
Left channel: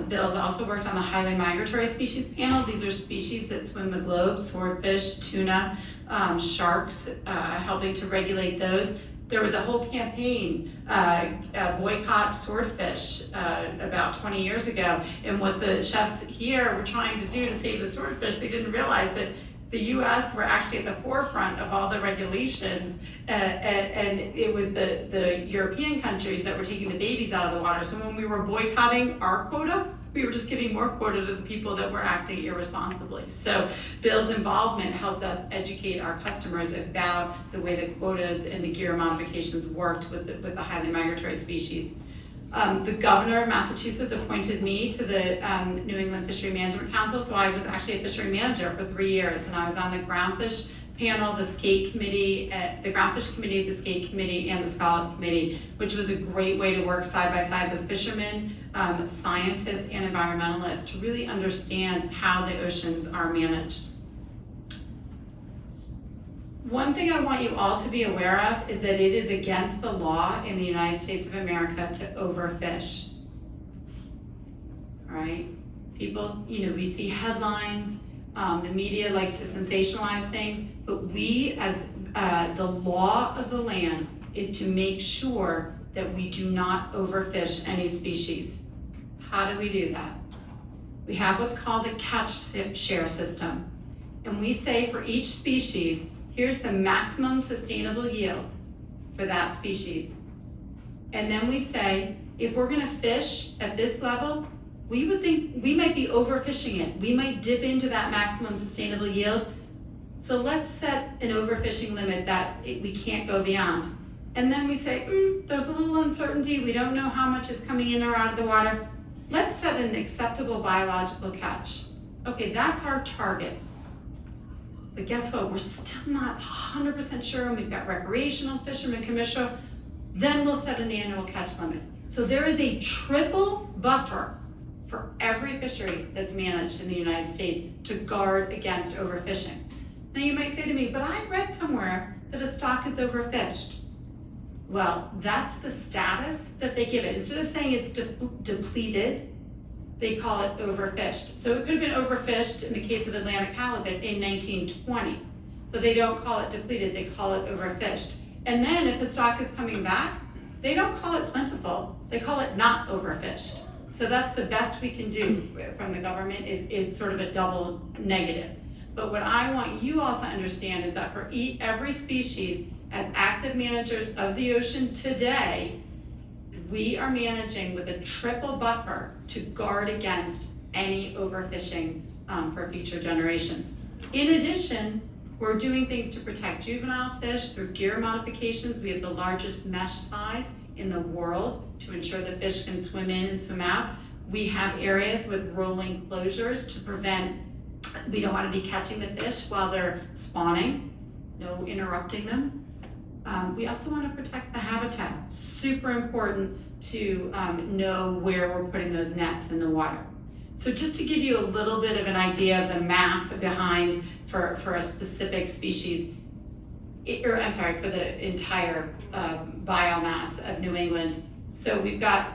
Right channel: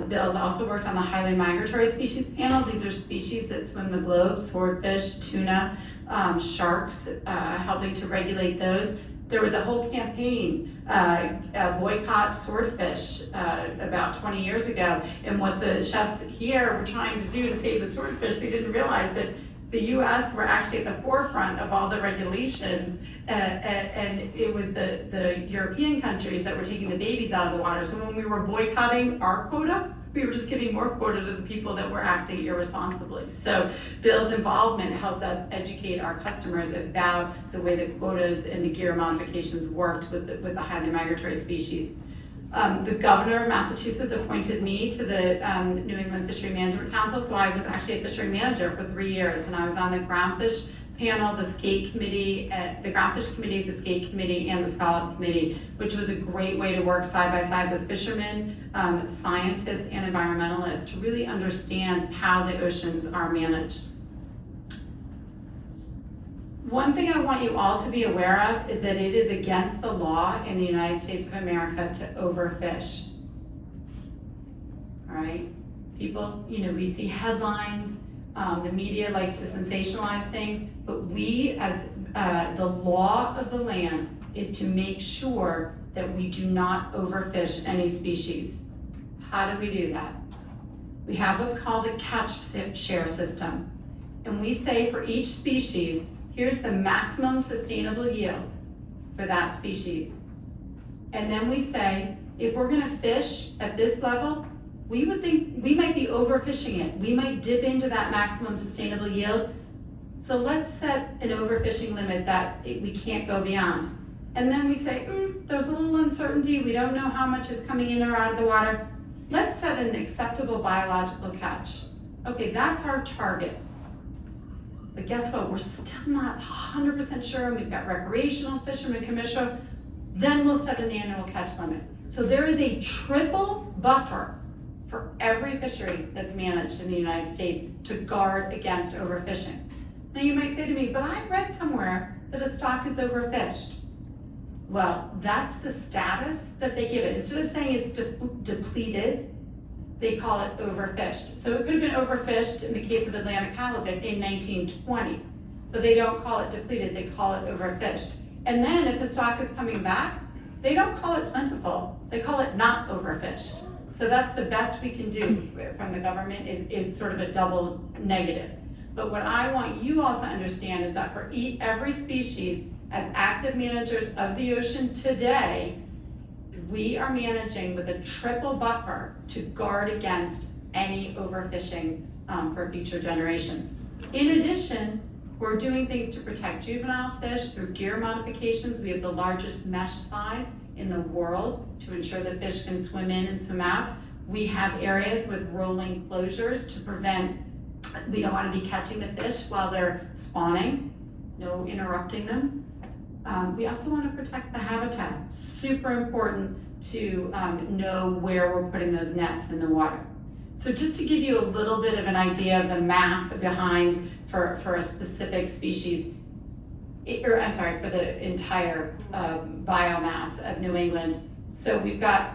Bill's also worked on the highly migratory species panel. These are species that swim the globe: swordfish, tuna, sharks, helping to regulate those. There was a whole campaign, boycott swordfish, about 20 years ago. And what the chefs here were trying to do to save the swordfish, they didn't realize that the US were actually at the forefront of all the regulations, and it was the European countries that were taking the babies out of the water. So when we were boycotting our quota, we were just giving more quota to the people that were acting irresponsibly. So Bill's involvement helped us educate our customers about the way the quotas and the gear modifications worked with the highly migratory species. The governor of Massachusetts appointed me to the New England Fishery Management Council, so I was actually a fishery manager for 3 years, and I was on the groundfish panel, the skate committee, the groundfish committee, the skate committee, and the scallop committee, which was a great way to work side by side with fishermen, scientists, and environmentalists to really understand how the oceans are managed. One thing I want you all to be aware of is that it is against the law in the United States of America to overfish. All right? People, we see headlines, the media likes to sensationalize things, but we, as the law of the land, is to make sure that we do not overfish any species. How do we do that? We have what's called a catch share system. And we say for each species, here's the maximum sustainable yield for that species. And then we say, if we're gonna fish at this level, we would think we might be overfishing it. We might dip into that maximum sustainable yield. So let's set an overfishing limit that we can't go beyond. And then we say, there's a little uncertainty. We don't know how much is coming in or out of the water. Let's set an acceptable biological catch. Okay, that's our target. But guess what? We're still not 100% sure, and we've got recreational fishermen, commercial. Then we'll set an annual catch limit. So there is a triple buffer for every fishery that's managed in the United States to guard against overfishing. Now you might say to me, but I read somewhere that a stock is overfished. Well, that's the status that they give it. Instead of saying it's depleted, they call it overfished. So it could have been overfished in the case of Atlantic halibut in 1920, but they don't call it depleted, they call it overfished. And then if the stock is coming back, they don't call it plentiful, they call it not overfished. So that's the best we can do from the government is sort of a double negative. But what I want you all to understand is that for every species, as active managers of the ocean today, we are managing with a triple buffer to guard against any overfishing for future generations. In addition, we're doing things to protect juvenile fish through gear modifications. We have the largest mesh size in the world to ensure that fish can swim in and swim out. We have areas with rolling closures to prevent, we don't want to be catching the fish while they're spawning, no interrupting them. We also want to protect the habitat. Super important to know where we're putting those nets in the water. So just to give you a little bit of an idea of the math behind for a specific species, for the entire biomass of New England. So we've got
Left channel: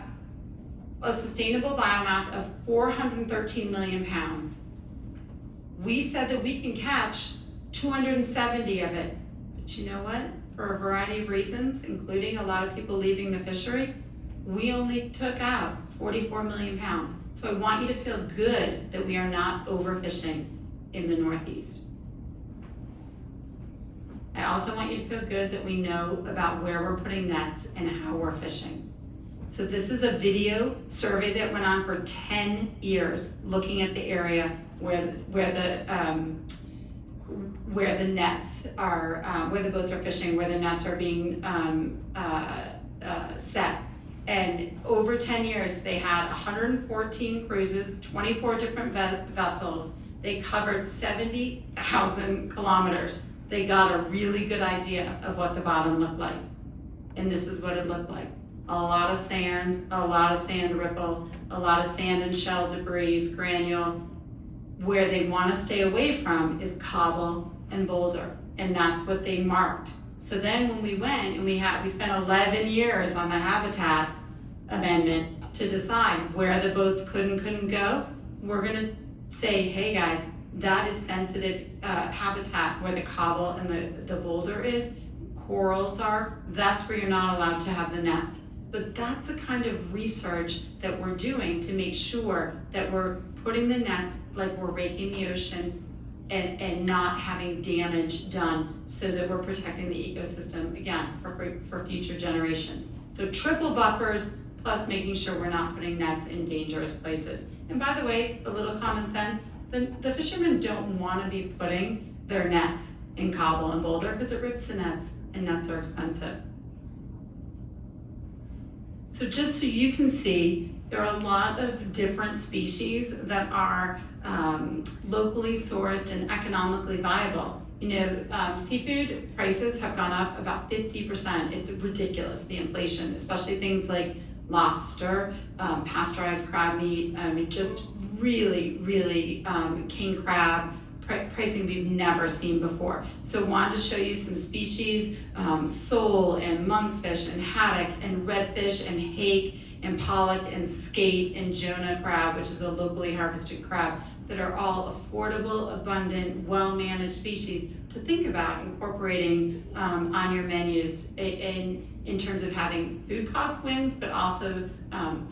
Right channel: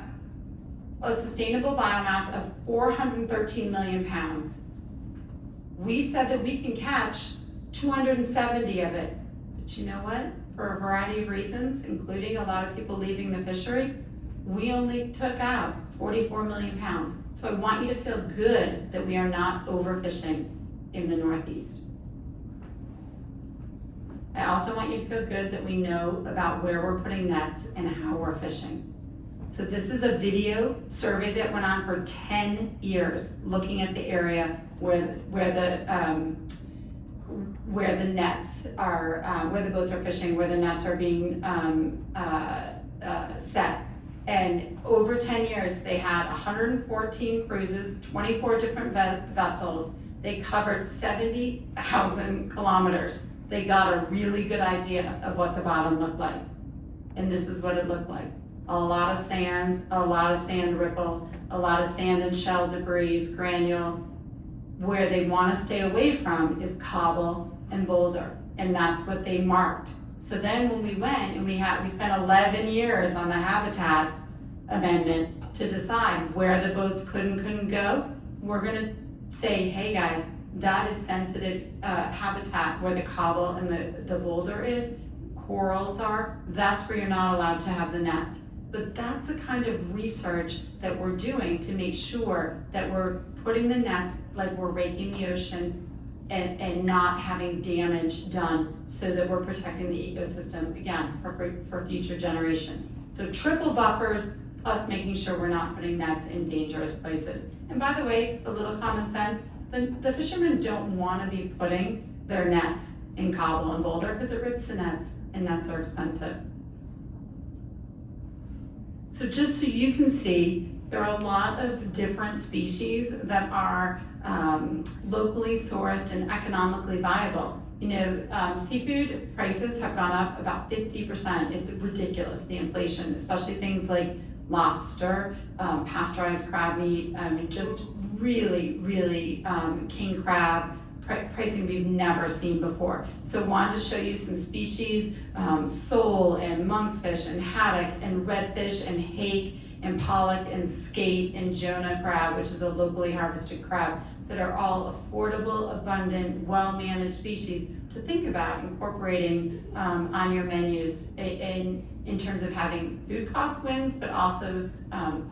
a sustainable biomass of 413 million pounds. We said that we can catch 270 of it, but you know what? For a variety of reasons, including a lot of people leaving the fishery, we only took out 44 million pounds. So I want you to feel good that we are not overfishing in the Northeast. I also want you to feel good that we know about where we're putting nets and how we're fishing. So this is a video survey that went on for 10 years, looking at the area where the nets are, where the boats are fishing, where the nets are being set. And over 10 years, they had 114 cruises, 24 different vessels. They covered 70,000 kilometers. They got a really good idea of what the bottom looked like. And this is what it looked like. A lot of sand ripple, a lot of sand and shell debris, granule. Where they want to stay away from is cobble and boulder, and that's what they marked. So then when we went and we spent 11 years on the habitat amendment to decide where the boats could and couldn't go, we're gonna say, hey guys, that is sensitive habitat where the cobble and the boulder is, corals are, that's where you're not allowed to have the nets. But that's the kind of research that we're doing to make sure that we're putting the nets like we're raking the ocean and not having damage done so that we're protecting the ecosystem, again, for future generations. So triple buffers, plus making sure we're not putting nets in dangerous places. And by the way, a little common sense, the fishermen don't want to be putting their nets in cobble and boulder because it rips the nets, and nets are expensive. So just so you can see, there are a lot of different species that are locally sourced and economically viable. Seafood prices have gone up about 50%. It's ridiculous, the inflation, especially things like lobster, pasteurized crab meat, just really, really king crab, pricing we've never seen before. So wanted to show you some species, sole and monkfish and haddock and redfish and hake and pollock and skate and Jonah crab, which is a locally harvested crab, that are all affordable, abundant, well-managed species to think about incorporating on your menus in terms of having food cost wins, but also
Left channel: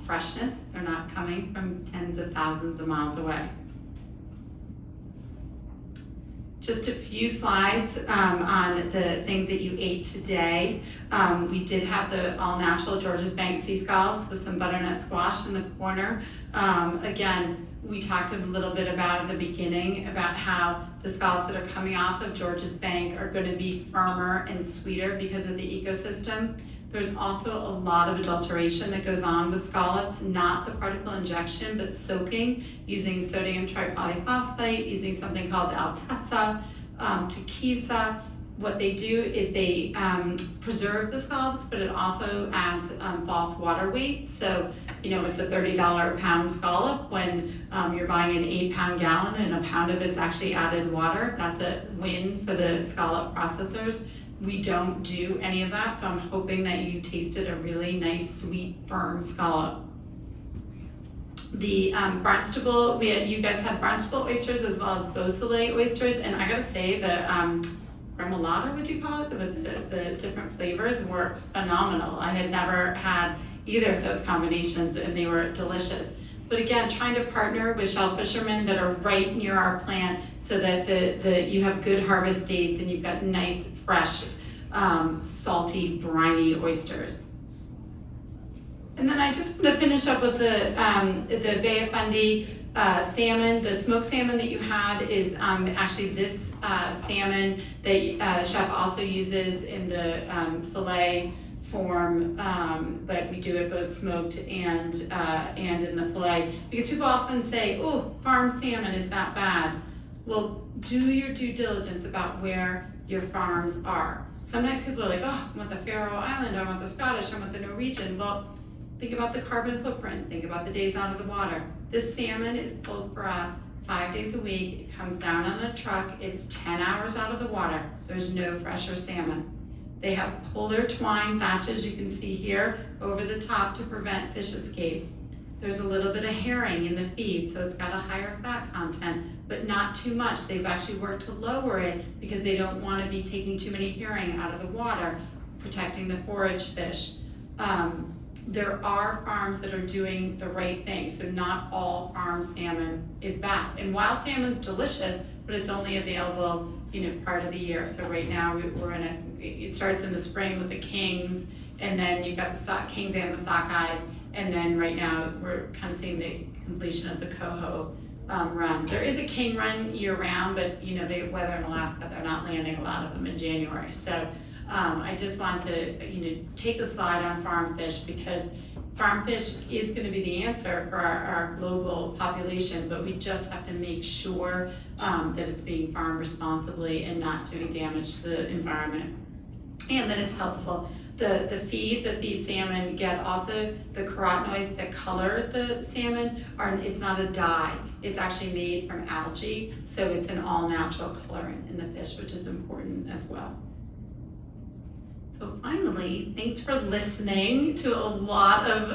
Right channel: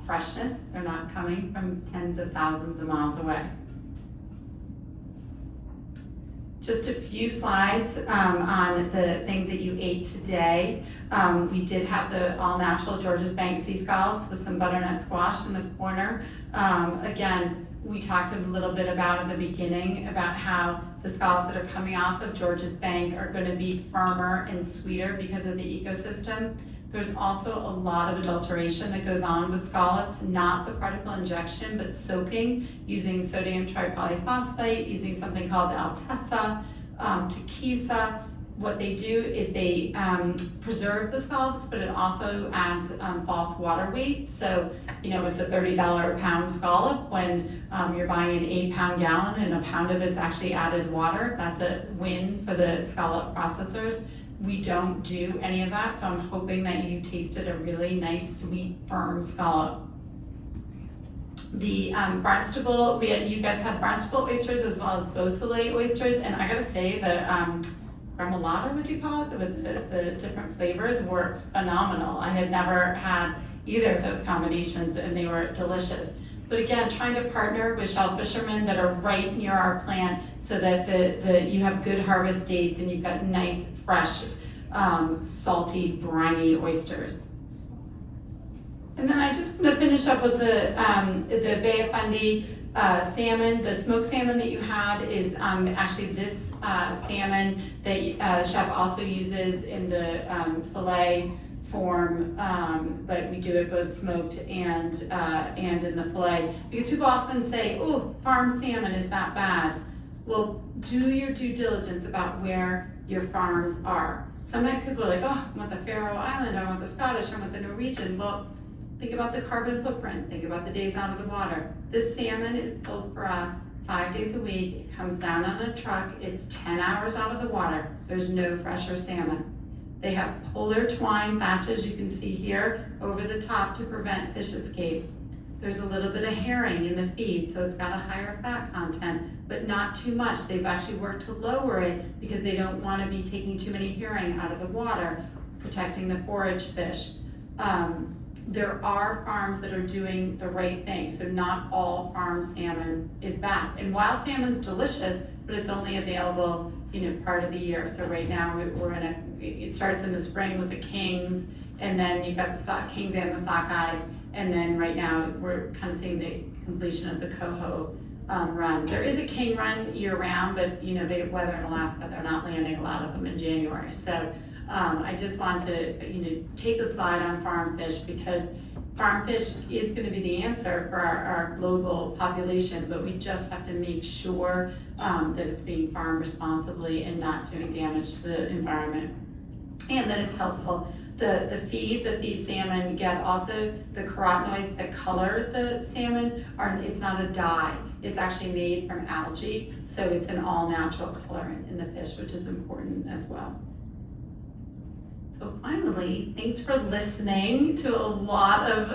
freshness. They're not coming from tens of thousands of miles away. Just a few slides on the things that you ate today. We did have the all-natural Georges Bank sea scallops with some butternut squash in the corner. Again, we talked a little bit about at the beginning about how the scallops that are coming off of Georges Bank are going to be firmer and sweeter because of the ecosystem. There's also a lot of adulteration that goes on with scallops, not the particle injection, but soaking, using sodium tripolyphosphate, using something called Altessa, Takisa. What they do is they preserve the scallops, but it also adds false water weight. So, it's a $30 a pound scallop when you're buying an 8-pound gallon and a pound of it's actually added water. That's a win for the scallop processors. We don't do any of that, so I'm hoping that you tasted a really nice, sweet, firm scallop. The Barnstable, you guys had Barnstable oysters as well as Beausoleil oysters, and I gotta say the remoulade, would you call it, with the different flavors were phenomenal. I had never had either of those combinations, and they were delicious. But again, trying to partner with shell fishermen that are right near our plant so that you have good harvest dates and you've got nice, fresh, salty, briny oysters. And then I just want to finish up with the Bay of Fundy salmon. The smoked salmon that you had is actually this salmon that Chef also uses in the fillet form, but we do it both smoked and in the fillet. Because people often say, oh, farm salmon is that bad. Well, do your due diligence about where your farms are. Sometimes people are like, oh, I want the Faroe Island, I want the Scottish, I want the Norwegian. Well, think about the carbon footprint, think about the days out of the water. This salmon is pulled for us 5 days a week. It comes down on a truck, it's 10 hours out of the water. There's no fresher salmon. They have polar twine thatches, you can see here, over the top to prevent fish escape. There's a little bit of herring in the feed, so it's got a higher fat content, but not too much. They've actually worked to lower it because they don't want to be taking too many herring out of the water, protecting the forage fish. There are farms that are doing the right thing, so not all farm salmon is bad. And wild salmon's delicious, but it's only available, part of the year. So right now it starts in the spring with the kings, and then you've got the kings and the sockeyes, and then right now we're kind of seeing the completion of the coho run. There is a king run year round, but the weather in Alaska, they're not landing a lot of them in January. So I just want to take a slide on farm fish, because farm fish is going to be the answer for our global population, but we just have to make sure that it's being farmed responsibly and not doing damage to the environment, and that it's healthful. The feed that these salmon get, also the carotenoids that color the salmon, it's not a dye. It's actually made from algae, so it's an all-natural colorant in the fish, which is important as well. So finally, thanks for listening to a lot of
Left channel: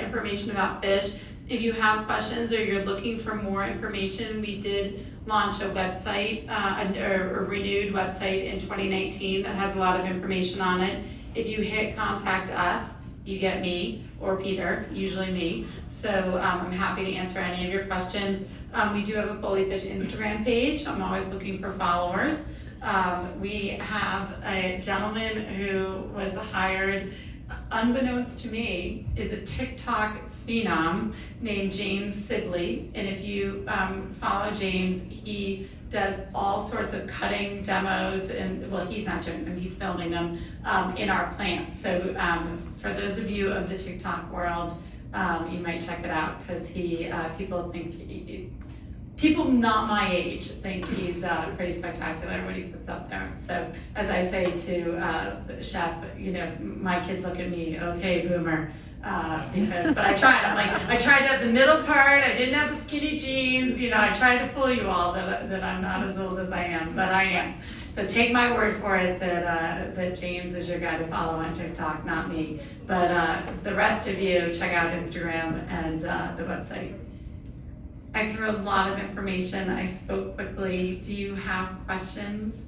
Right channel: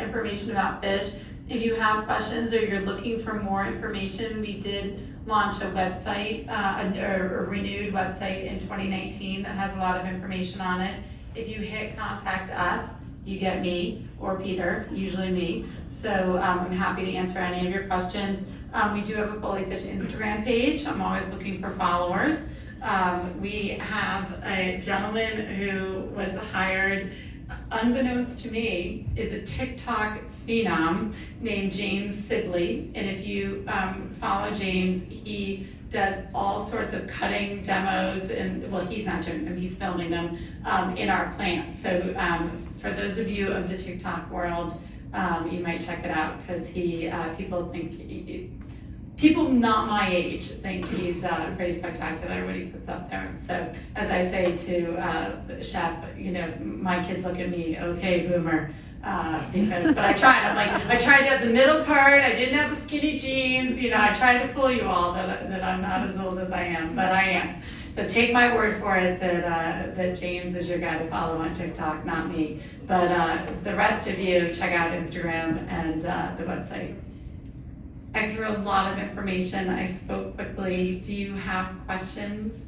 information about fish. If you have questions or you're looking for more information, we did launch a website, a renewed website in 2019 that has a lot of information on it. If you hit contact us, you get me or Peter, usually me. So I'm happy to answer any of your questions. We do have a Foley Fish Instagram page. I'm always looking for followers. We have a gentleman who was hired, unbeknownst to me, is a TikTok phenom named James Sibley. And if you follow James, he does all sorts of cutting demos, and well, he's not doing them, he's filming them in our plant. So for those of you of the TikTok world, you might check it out, because people not my age think he's pretty spectacular what he puts up there. So as I say to the chef, my kids look at me, okay, boomer. but I tried. I tried to have the middle part. I didn't have the skinny jeans. I tried to fool you all that I'm not as old as I am, but I am. So take my word for it that James is your guy to follow on TikTok, not me. But the rest of you, check out Instagram and the website. I threw a lot of information. I spoke quickly. Do you have questions?